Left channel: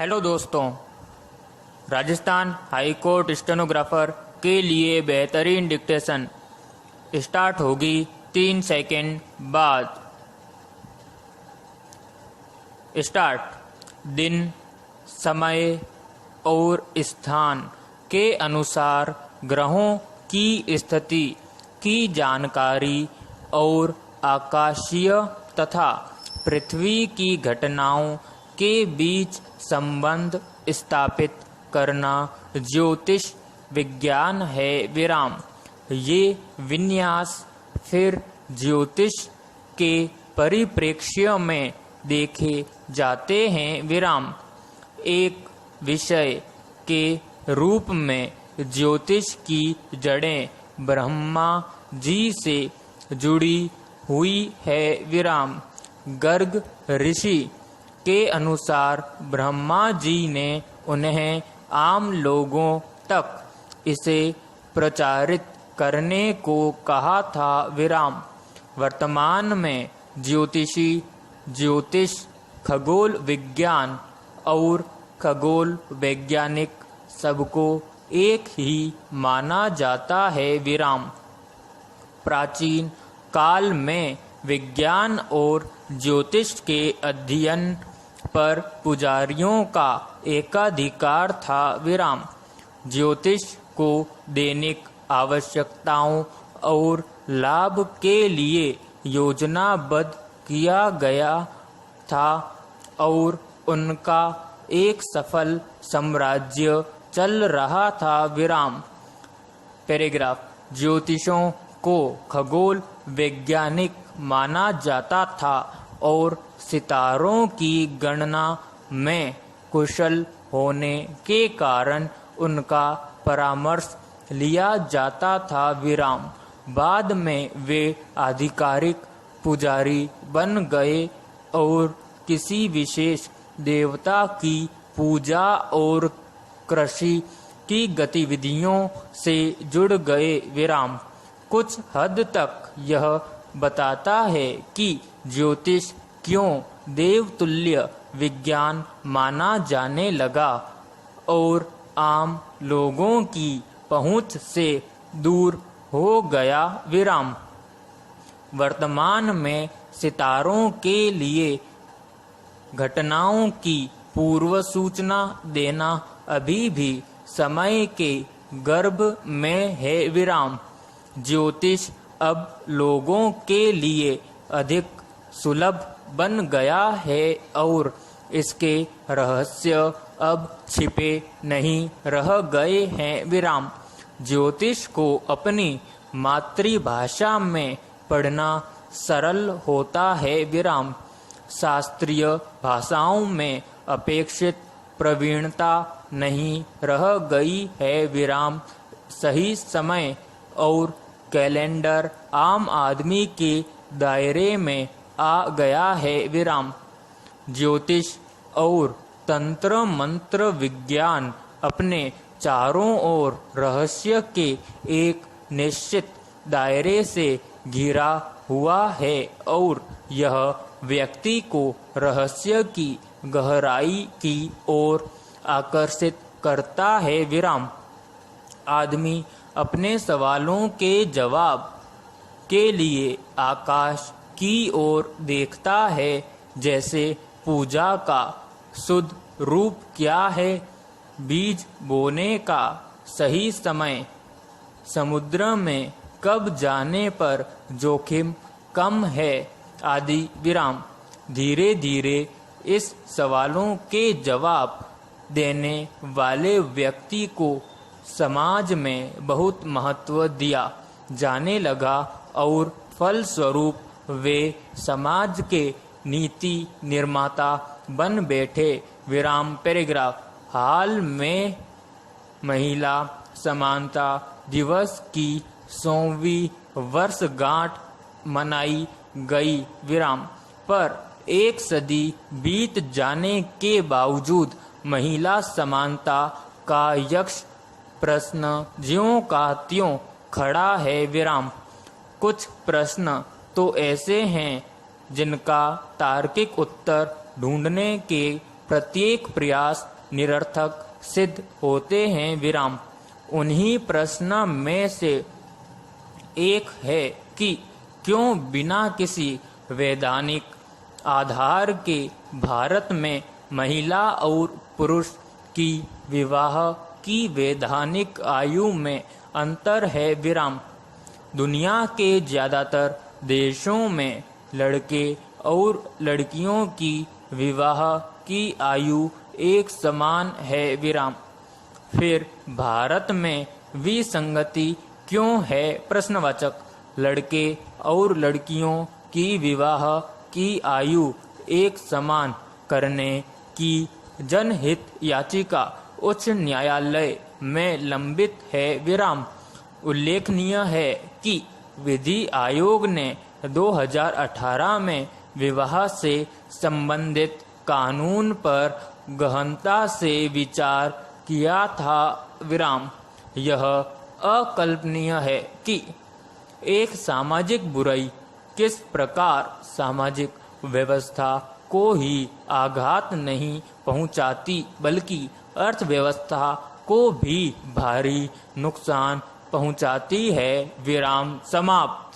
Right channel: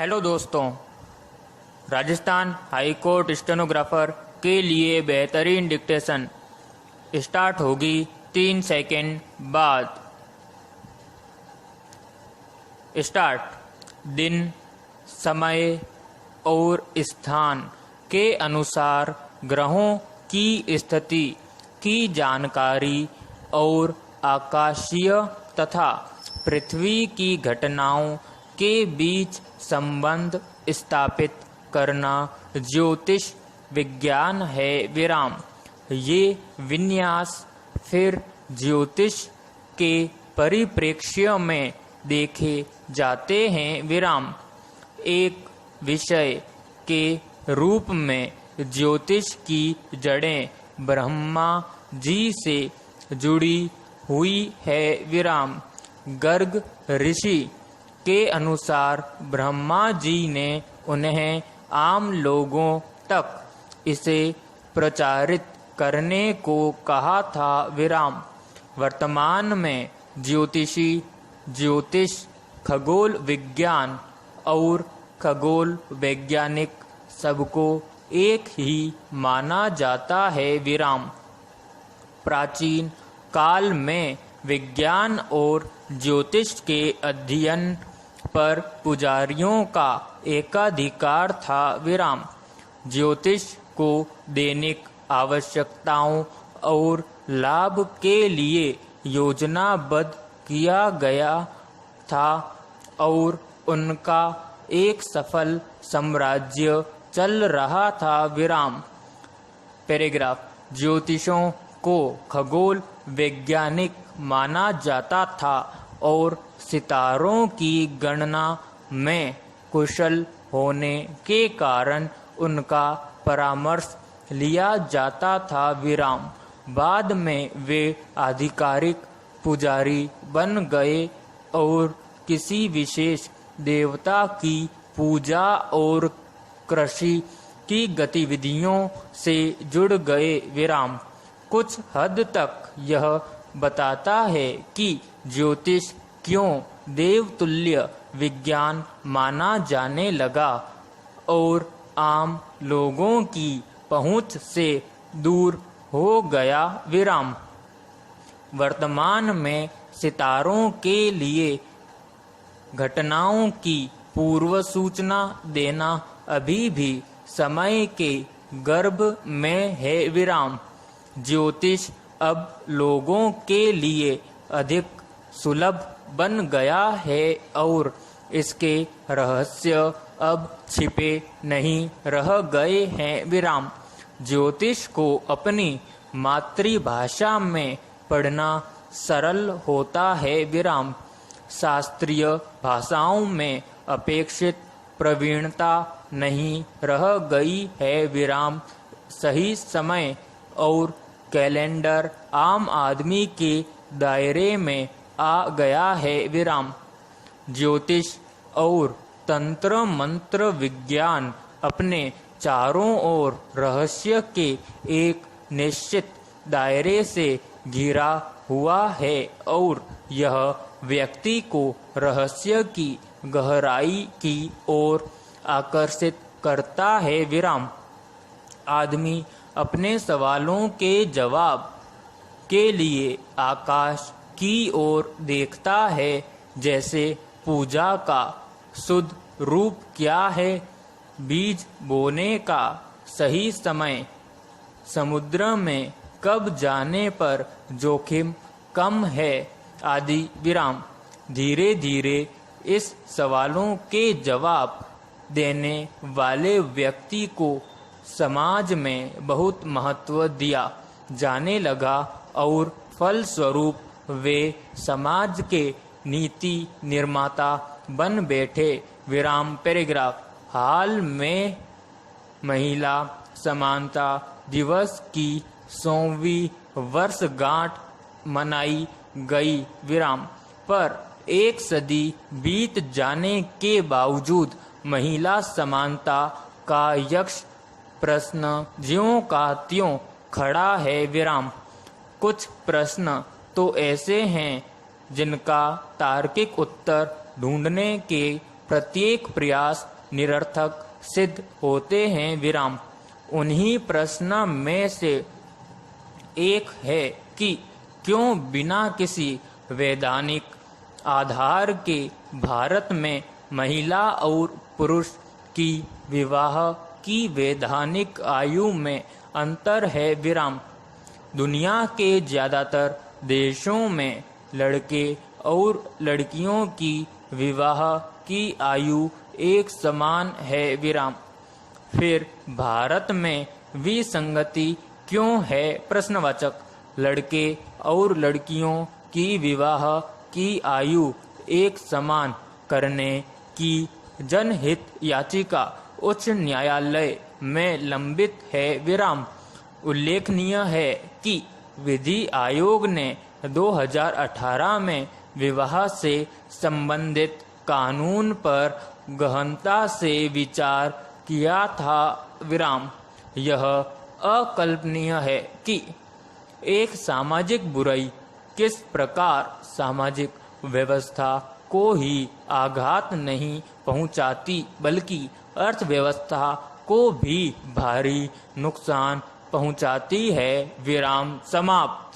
Hello दोस्तों, Rajasthan high court stenographer के लिए बेहतरीन डिक्टेशन स्टार्ट होगी 3 सेकंड बाद। स्टार्ट। दिन, समय और स्थान के अनुसार ग्रहों की स्थिति की जानकारी और आकाशीय तथा पृथ्वी की घटनाओं के बीच संबंध स्थापित करना ज्योतिष विज्ञान है। विराम। ये विन्यास फिर ज्योतिष के परिप्रेक्ष्य में देखे जाते हैं। विराम। एक विषय के रूप में ज्योतिष की जड़ें ब्रह्मा जी से जुड़ी हुई है। विराम। गर्ग ऋषि के अनुसार ब्रह्मा जी ने उन्हें आम लोगों तक इसे प्रचारित करने को कहा था। विराम। वर्तमान में ज्योतिष, खगोल विज्ञान और खगोल वैज्ञानिक सबको एक ही माना जाता है। विराम। प्राचीन काल में विज्ञान और ज्योतिष के अध्ययन पर पुजारियों का एकाधिकार था। विराम। ज्योतिष को दैनिक आवश्यकताओं और लाभ के लिए योजनाबद्ध किया गया था और उनका एक सफल साम्राज्य चल रहा था। विराम। पैराग्राफ। ज्योतिषों को खगोल वैज्ञानिक माना जाता था और सितारों की गणना में कुशल होने के कारण उनका परामर्श लिया जाता था। विराम। बाद में वे आधिकारिक पुजारी बन गए और किसी विशेष देवता की पूजा और कृषि की गतिविधियों से जुड़ गए। विराम। कुछ हद तक यह बताता है कि ज्योतिष क्यों देवतुल्य विज्ञान माना जाने लगा और आम लोगों की पहुंच से दूर हो गया। विराम। वर्तमान में सितारों के लिए घटनाओं की पूर्व सूचना देना अभी भी समय के गर्भ में है। विराम। ज्योतिष अब लोगों के लिए अधिक सुलभ बन गया है और इसके रहस्य अब छिपे नहीं रह गए हैं। विराम। ज्योतिष को अपनी मातृभाषा में पढ़ना सरल होता है। विराम। शास्त्रीय भाषाओं में अपेक्षित प्रवीणता नहीं रह गई है। विराम। सही समय और कैलेंडर आम आदमी के दायरे में आ गया है। विराम। ज्योतिष और तंत्र मंत्र विज्ञान अपने चारों ओर रहस्य के एक निश्चित दायरे से घिरा हुआ है और यह व्यक्ति को रहस्य की गहराई की ओर आकर्षित करता है। विराम। आदमी अपने सवालों के जवाब के लिए आकाश की ओर देखता है, जैसे पूजा का शुद्ध रूप क्या है, बीज बोने का सही समय, समुद्र में कब जाने पर जोखिम कम है आदि। विराम। धीरे धीरे इस सवालों के जवाब देने वाले व्यक्ति को समाज में बहुत महत्व दिया जाने लगा और फलस्वरूप वे समाज के नीति निर्माता बन बैठे। विराम। पैराग्राफ। हाल में महिला समानता दिवस की 100वीं वर्षगांठ मनाई गई। विराम। पर एक सदी बीत जाने के बावजूद महिला समानता का यक्ष प्रश्न ज्यों का त्यों खड़ा है। विराम। कुछ प्रश्न तो ऐसे हैं जिनका तार्किक उत्तर ढूंढने के प्रत्येक प्रयास निरर्थक सिद्ध होते हैं। विराम। उन्हीं प्रश्न में से एक है कि क्यों बिना किसी वैधानिक आधार के भारत में महिला और पुरुष की विवाह की वैधानिक आयु में अंतर है। विराम। दुनिया के ज्यादातर देशों में लड़के और लड़कियों की विवाह की आयु एक समान है। विराम। फिर भारत में विसंगति क्यों है? प्रश्नवाचक। लड़के और लड़कियों की विवाह की आयु एक समान करने की जनहित याचिका उच्च न्यायालय में लंबित है। विराम। उल्लेखनीय है कि विधि आयोग ने 2018 में विवाह से संबंधित कानून पर गहनता से विचार किया था। विराम। यह अकल्पनीय है कि एक सामाजिक बुराई किस प्रकार सामाजिक व्यवस्था को ही आघात नहीं पहुंचाती बल्कि अर्थव्यवस्था को भी भारी नुकसान पहुंचाती है। विराम समाप्त।